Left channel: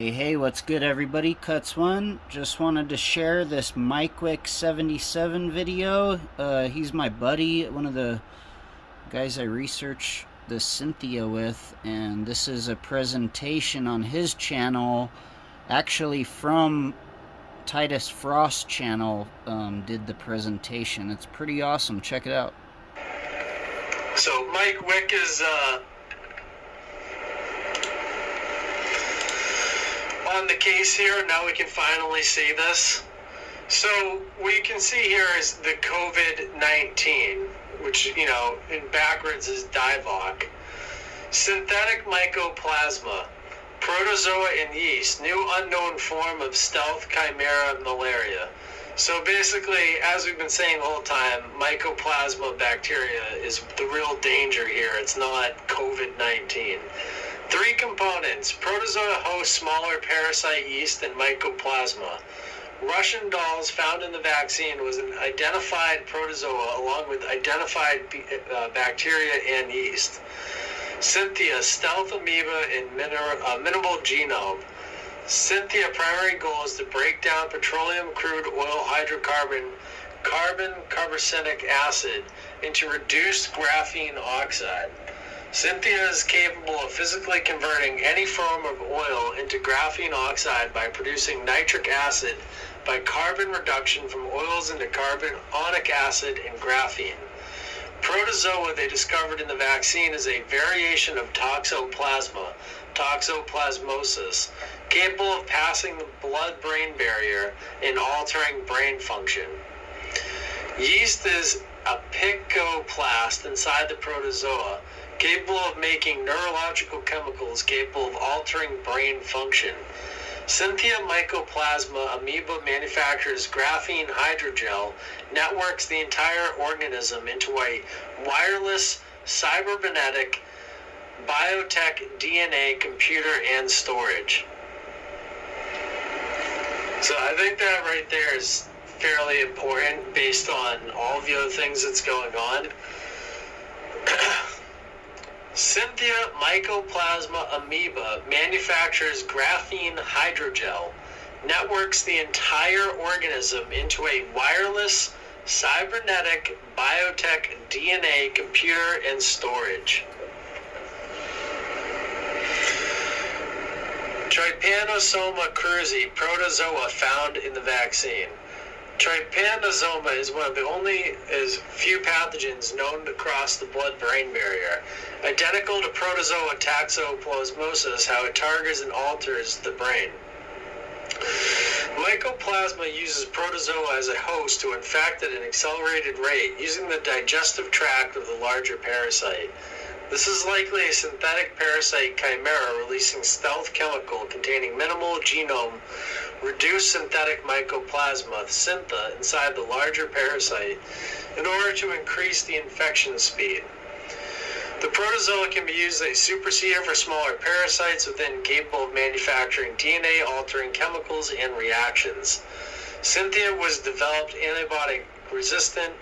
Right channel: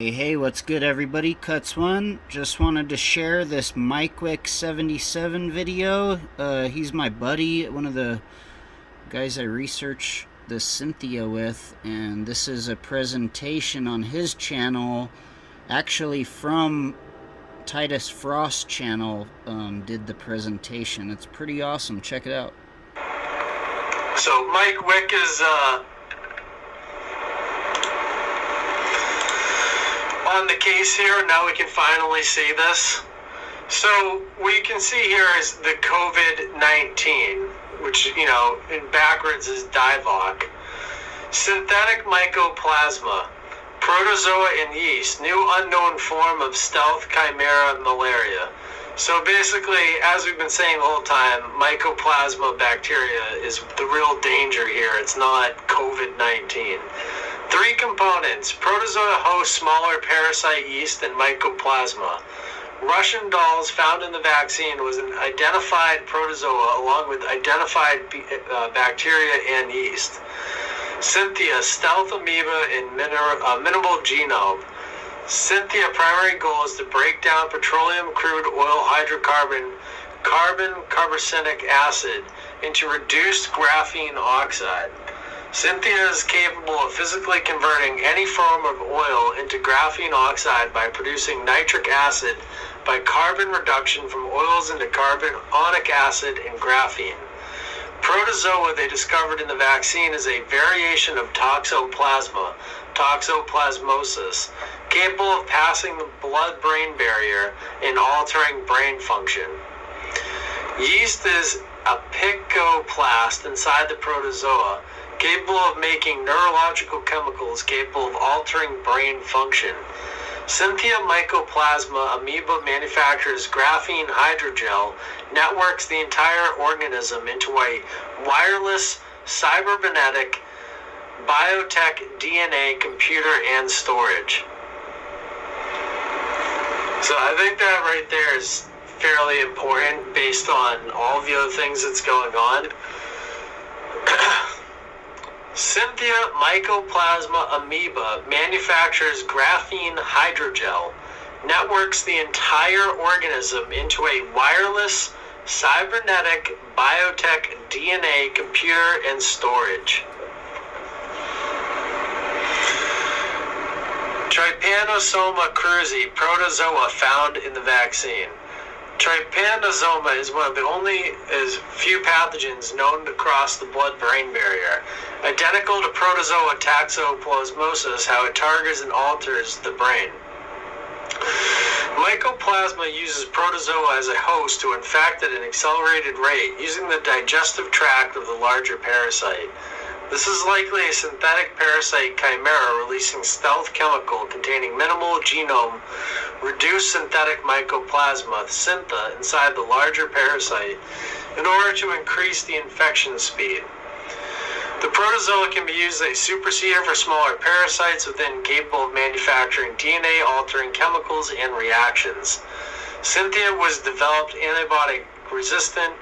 Hey, what's good everybody? Cuts1. Just wanted to share this Mikewick77 video. He's my buddy, one of the guys I research the Cynthia with, and this is a presentation on his channel, actually from Titus Frost channel, did the presentation. It's pretty awesome. Check it out. So Mike Wick is on the case here. Now we can finally see this. So what you can see here is the COVID-19, which, you know, in backwards is DIVOC. Synthetic mycoplasma, protozoa and yeast, new unknown form of stealth chimera malaria. So basically, as we've been saying the whole time, mycoplasma bacteria is the real danger here. It's not COVID-19. Three components: protozoa host smaller parasite yeast and mycoplasma. Russian dolls found in the vaccine was an identified protozoa along with identified bacteria and yeast. Cynthia, stealth amoeba in minimal genome. Cynthia primary goal is to break down petroleum, crude oil, hydrocarbon, carboxylic acid into reduced graphene oxide. Cynthia is capable of physically converting any form of oil into graphene oxide by producing nitric acid by carbon reduction from oils into carbonic acid and graphene. Protozoa they discovered in the vaccine is a variation of toxoplasma, toxoplasmosis, capable of passing the blood-brain barrier and altering brain function. Yeast is a picoplast inside the protozoa, capable of making neurological chemicals capable of altering brain function. Cynthia mycoplasma amoeba manufactures graphene hydrogel, networks the entire organism into a wireless cybernetic biotech DNA computer and storage. So I think that right there is fairly important based on all the other things that's going on. Cynthia mycoplasma amoeba manufactures graphene hydrogel, networks the entire organism into a wireless cybernetic biotech DNA computer and storage. Trypanosoma cruzi, protozoa found in the vaccine. Trypanosoma is one of the only few pathogens known to cross the blood-brain barrier. Identical to protozoa toxoplasmosis, how it targets and alters the brain. Mycoplasma uses protozoa as a host to infect at an accelerated rate, using the digestive tract of the larger parasite. This is likely a synthetic parasite chimera releasing stealth chemical containing minimal genome reduced synthetic mycoplasma, syntha, inside the larger parasite in order to increase the infection speed. The protozoa can be used as a superseder for smaller parasites within capable of manufacturing DNA-altering chemicals and reactions. Cynthia was developed antibiotic resistant,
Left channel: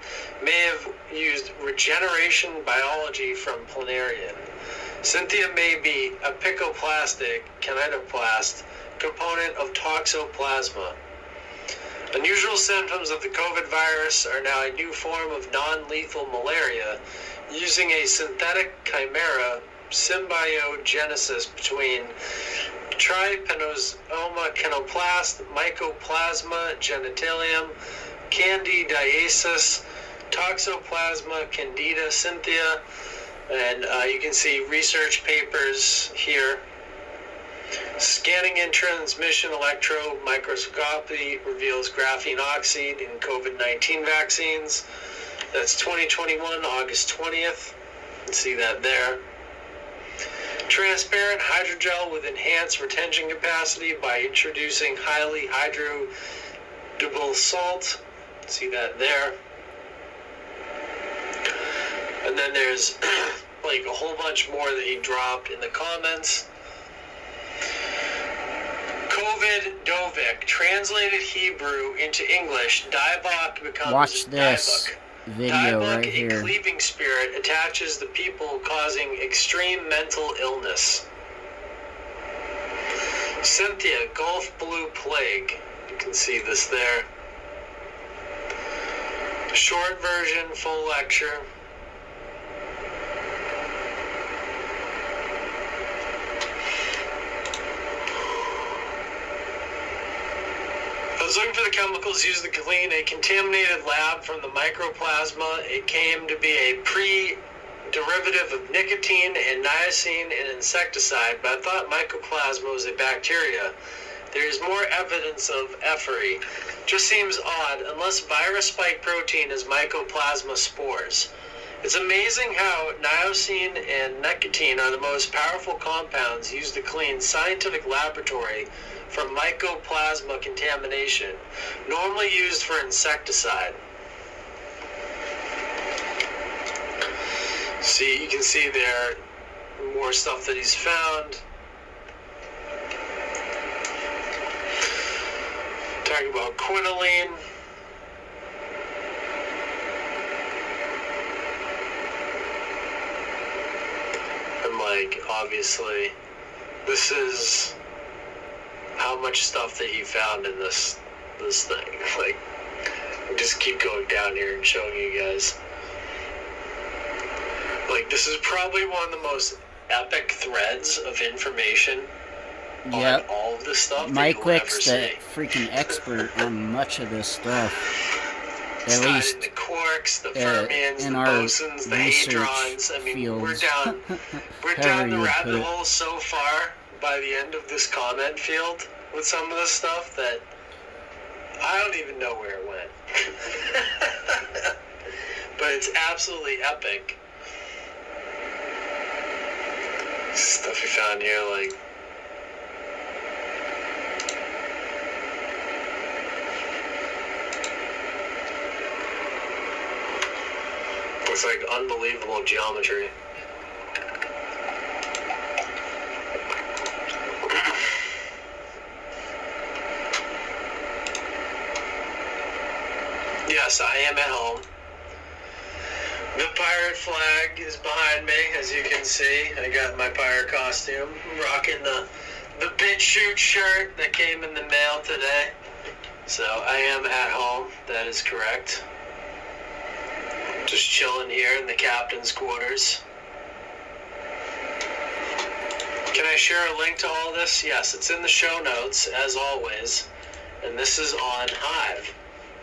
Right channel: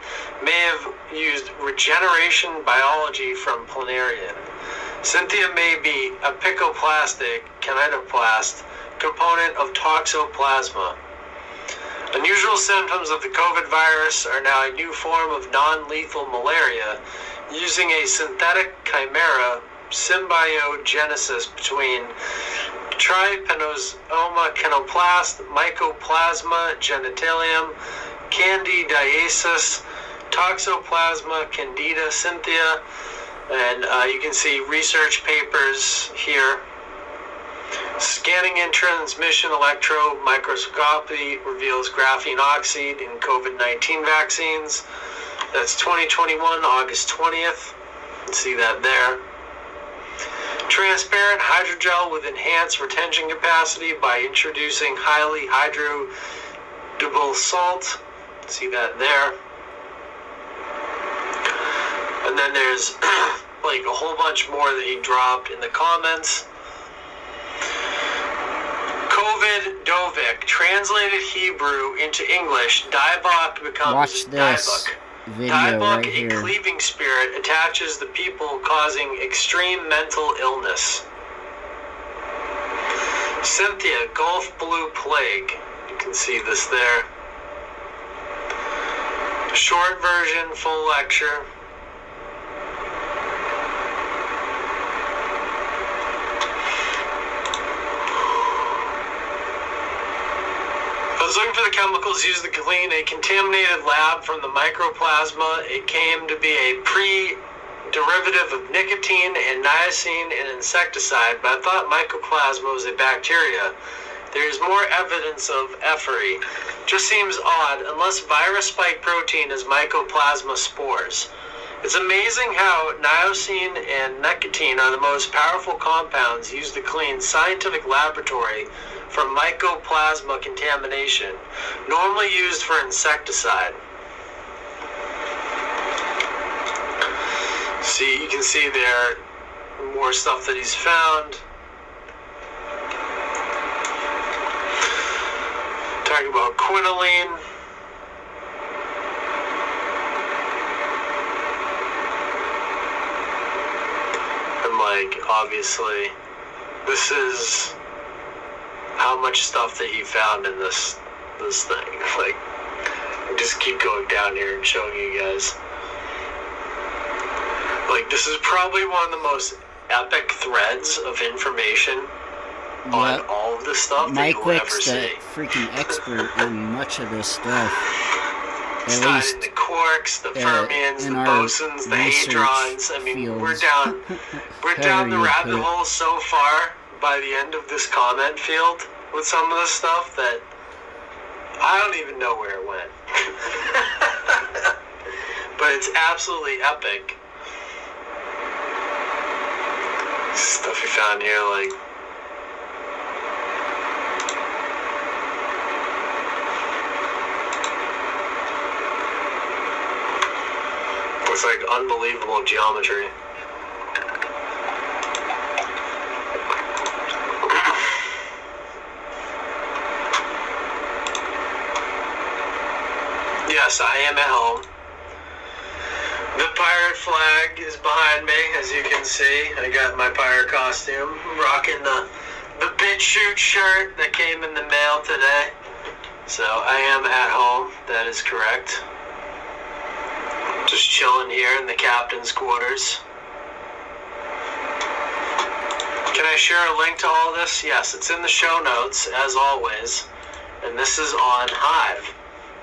may have used regeneration biology from Planarian. Cynthia may be a picoplastic kinetoplast component of toxoplasma. Unusual symptoms of the COVID virus are now a new form of non-lethal malaria using a synthetic chimera symbiogenesis between Trypanosoma canoplast, Mycoplasma genitalium, Candidiasis, Toxoplasma candida Cynthia, and you can see research papers here. Scanning and transmission electron microscopy reveals graphene oxide in COVID-19 vaccines. That's 2021, August 20th. You can see that there. Transparent hydrogel with enhanced retention capacity by introducing highly hydrodable salt. See that there. And then there's like a whole bunch more that he dropped in the comments. COVID Dovik, translated Hebrew into English, DIVOC becomes Watch this video DIVOC, right here. A cleaving spirit, attaches the people causing extreme mental illness. Cynthia, Gulf Blue Plague. You can see this there. Short version, full lecture. I was looking for the chemicals used to clean a contaminated lab from the mycoplasma. It came to be a pre-derivative of nicotine and niacin and insecticide, but I thought mycoplasma was a bacteria. There's more evidence of effery. Just seems odd, unless virus spike protein is mycoplasma spores. It's amazing how niacin and nicotine are the most powerful compounds used to clean scientific laboratory from mycoplasma contamination, normally used for insecticide. See, you can see there more stuff that he's found. Talking about quinoline. And like, obviously, this is how much stuff that he found in this thing. Like, just keep going down here and showing you guys. Like, this is probably one of the most epic threads of information on all of this stuff that you'll ever Mikewick's see. the freaking expert on much of this stuff. At least the quarks, the fermions, the bosons, the hadrons. I mean, we're down the rabbit hole so far by the end of this comment field with some of this stuff that I don't even know where it went. But it's absolutely epic. Stuff we found here, like, it's like unbelievable geometry. Yes, I am at home. The pirate flag is behind me, as you can see. I got my pirate costume. I'm rocking the BitChute shirt that came in the mail today. So I am at home, that is correct. Just chilling here in the captain's quarters. Can I share a link to all this? Yes, it's in the show notes, as always. And this is on Hive.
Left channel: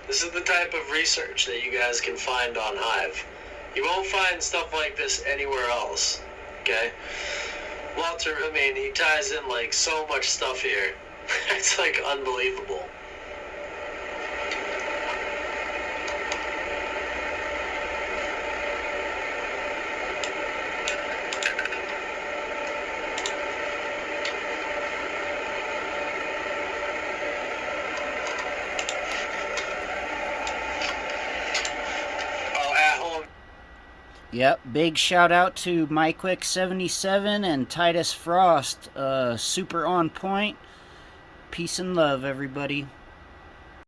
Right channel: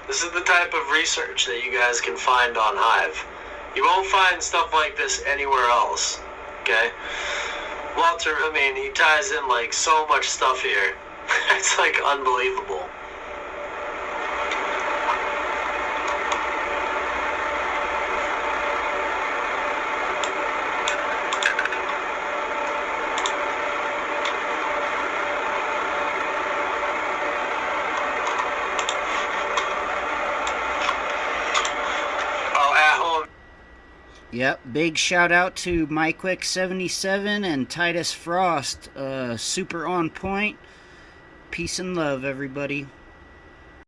This is the type of research that you guys can find on Hive. You won't find stuff like this anywhere else, okay? Walter, I mean, he ties in like so much stuff here. It's like unbelievable. Yep, big shout out to Mikewick77 and Titus Frost. Super on point. Peace and love, everybody.